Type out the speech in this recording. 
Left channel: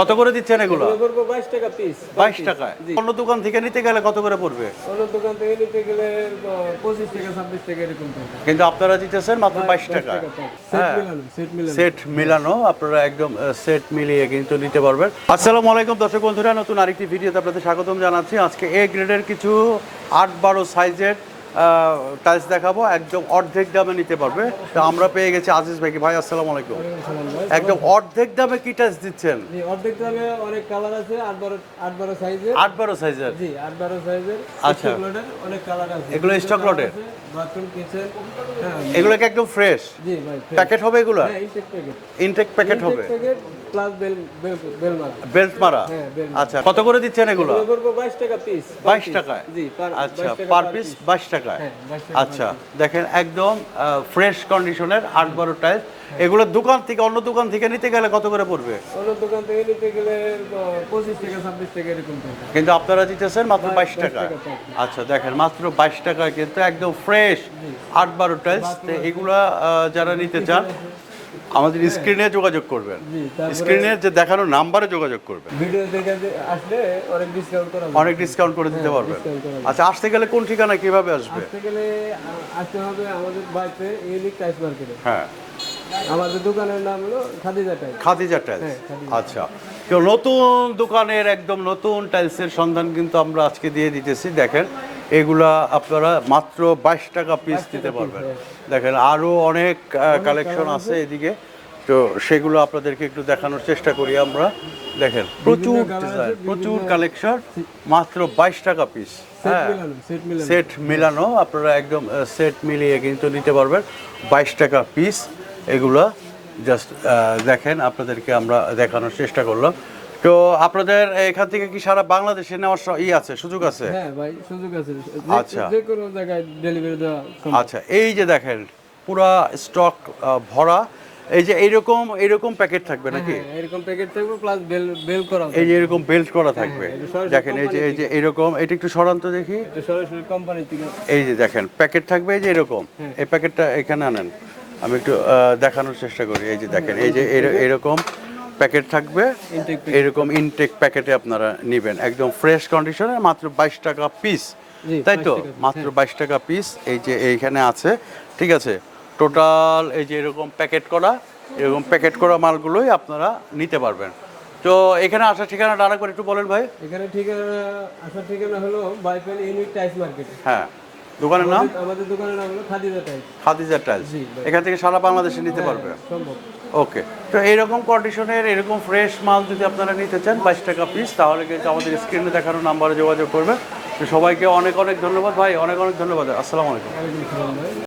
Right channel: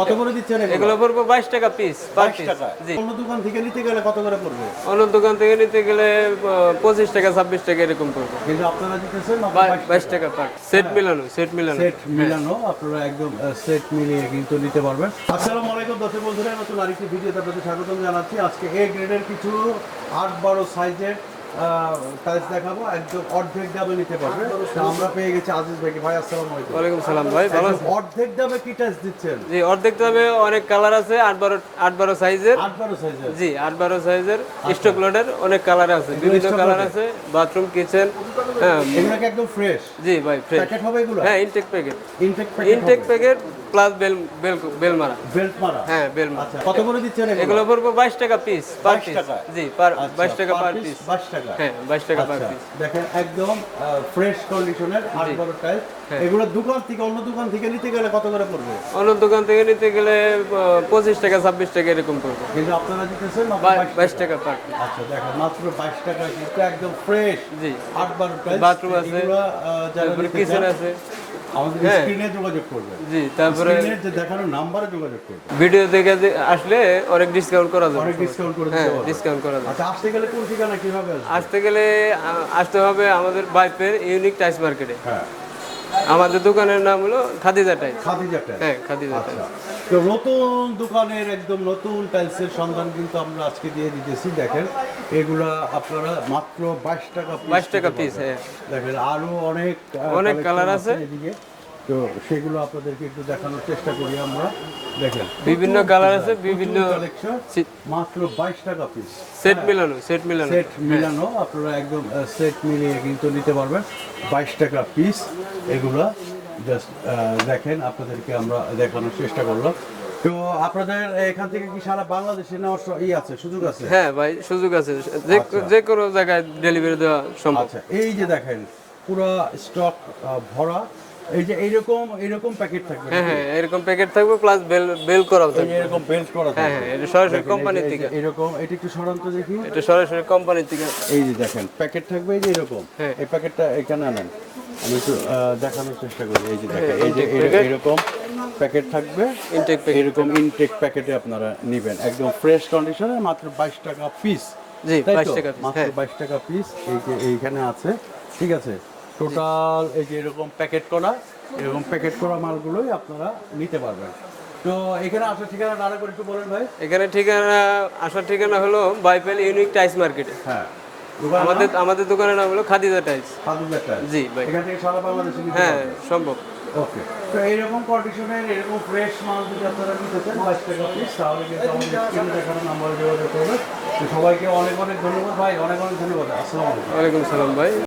কত করে দিচ্ছেন এগুলো? এগুলো পড়বে বাইশ টাকা পিস বাইশ টাকা। অন্য দোকান থেকে নিতে গেলে কত করে পড়বে? অন্য দোকান থেকে নিতে গেলে পঁচিশ টাকা ছাব্বিশ টাকা এরকম পড়বে। কিন্তু আপনারা দিতেছেন মাত্র বাইশ বাইশ টাকা। টাকা সেট মিলানো সেট মিলানো। সেট মিলানো আপনারা একদম সেট মিলিয়ে কিন্তু নিতে পারবেন। আসসালামু আলাইকুম দর্শক বন্ধুরা নতুন আরেকটি ভিডিওতে আপনাদের স্বাগতম জানাচ্ছি। আজকে এ গ্রেডের কিছু আট বারো সাইজের টাইলস দেখাবো একদম অর্ধেক দামে নিতে পারবে। তো আমরা পেয়ে গেছি আজিজ ভাইকে। ভাই আসসালামু আলাইকুম। ওয়ালাইকুম সালাম ভাই একদম অর্ধেক দামে কি টাইলস দিচ্ছেন? জি অর্ধেক দামে অনেক কালার আছে আট বারো আট বারো সাইজের আট বারো সাইজের জি আট বারো সাইজের স্টক লোডের অনেক কালার আছে। এগুলো বিভিন্ন stock আছে বাথরুম কিচেন হ্যাঁ। এগুলো কি একদম ফ্রেশ জি ভাই প্যাকেট হবে এগুলো? হ্যাঁ intake packet intake packet intake packet plus bell বেল বেল মারা বেল্ট মারা হ্যাঁ বেল আচ্ছা কত করে দিচ্ছেন এগুলো? এগুলো পড়বে বাইশ টাকা পিস 22 টাকায়? জি পার আচ্ছা বাইশ টাকা পার পিস পিস বাইশ টাকা হ্যাঁ বাইশ টাকা আচ্ছা দেখেন একদম ফ্রেশ কন্ডিশনের আট বারো টাইল হ্যাঁ। এগুলো দোকান থেকে অন্য দোকান থেকে নিতে গেলে কত করে পড়বে? অন্য দোকান থেকে নিতে গেলে পঁচিশ টাকা ছাব্বিশ টাকা এরকম পড়বে। কিন্তু আপনারা দিতেছেন মাত্র বা- বাইশ বাইশ টাকা। টাকা পার পিস আচ্ছা দেখেন মাত্র বাইশ টাকা কিন্তু একদম ফ্রেশ জি। আট বারো Bathroom এগুলো যারা নিতে চান আমাদের স্ক্রিনে যোগাযোগ করবেন। জি তারপরে স্ক্রিনে যে দেখানো নাম্বারে যোগাযোগ করবেন। ভিডিও দেখে আসলে অনেক ডিসকাউন্ট করা যাবে। অনেক ডিসকাউন্ট করে দিতে পারবেন। ডিসকাউন্ট করা যাবে। আচ্ছা আসতে গেলে কোন ঠিকানা কীভাবে আসবে? আসতে গেলে আসতে হবে আমাদের বাইপের ইউনিক টাইস মার্কেটে হ্যাঁ। আমাদের দোকানের নাম হলো খাদিজা টাইস খাদিজা টাইলস হ্যাঁ খাদিজা আচ্ছা। তো নতুন দোকানের একদম নতুন টাইলসের সন্ধান কিন্তু আমরা আজকে দিয়ে দিতেছি দেখেন। এগুলা আপনারা মাত্র বাইশ টাকা পিস টাকা piece, হ্যাঁ। দেখেন আরও অনেক কালেকশন আছে। এদিকে। তো সেগুলো আপনাদেরকে একটু দেখানোর চেষ্টা করি আমরা। দেখেন বিভিন্ন colour আছে, বিভিন্ন- কালেকশন মাত্র বাইশ টাকা পিস সেট মিলানো সেট মিলানো। সেট মিলানো আপনারা একদম সেট মিলিয়ে কিন্তু নিতে পারবেন। বাইশ টাকা পিস এগুলা। জাস্ট দেখেন আপনাদেরকে আমরা দেখানোর চেষ্টা করলাম। তো আপনাদের এখান থেকে কি সারা বাংলাদেশে নেওয়ার ই আছে সুযোগ আছে? হ্যাঁ ভাই সুযোগ আছে। যে- আচ্ছা। কোনো জায়গায় ডেলিভারি দেওয়া সম্ভব। আচ্ছা এই যে দেখেন পুরা স্টক ভরা এই যে এইরকম এইরকম প্যাকেট থাকবে হ্যাঁ নাকি? হ্যাঁ এরকম প্যাকেট থাকবে প্লাস বেল বেল করা এই যে এরকম বেল্ট করা থাকবে হ্যাঁ, এটা সরাসরি দেখেন এই যে এই যে থেকে। এরকম এটা একটু সরান্ত দেখি। এটা সরাসরি কোম্পানি থেকে। এই যে দেখেন প্যাকেট থাকবে এই যে এরকম। হ্যাঁ। এই প্যাকেটটা এখানে আনেন। আমি একটু দেখানোর চেষ্টা করি। এই যে দেখেন এই যে এরকম প্যাকেট থাকবে। এরকম ইনটেক প্যাকেটে আপনারা নেবেন। একদম ফ্রেশ কন্ডিশনে মাত্র বাইশ টাকা পিস তাই তো? মাত্র হ্যাঁ। বাইশ টাকা পিস এই যে এইখানে আছে ঠিক আছে? টোটাল এই যে এরকম প্যাকেট করা এরকম প্যাকেট করা মালগুলোই আপনারা নিতে পারবেন। তো এখানে আসার ঠিকানাটা আরেকবার একটু বলেন ভাই। এখানে ঠিকানা আসার ঠিকানা হলো বাইপেল ইউনিক টাইস মার্কেটে। হ্যাঁ। দোকানের নাম? আমাদের আমাদের দোকানের নাম হলো খাদিজা টাইলস। খাদিজা টাইলস। জি, ভাই। এখান থেকে সারা বাংলাদেশে নিতে হ্যাঁ পারবেন। সম্ভব। ওকে। তো এইরকম কন্ডিশনের এরকম ফ্রেশ মাল যদি আপনারা নিতে চান বাইশ টাকা পিস তাহলে কিন্তু আমাদের স্ক্রিনে দেখানো নাম্বারে যোগাযোগ করবেন। তো সবাইকে অনেক অনেক ধন্যবাদ ভাই। অনেক অনেক ধন্যবাদ। আসসালামু আলাইকুম। ওয়ালাইকুম সালাম ভাই।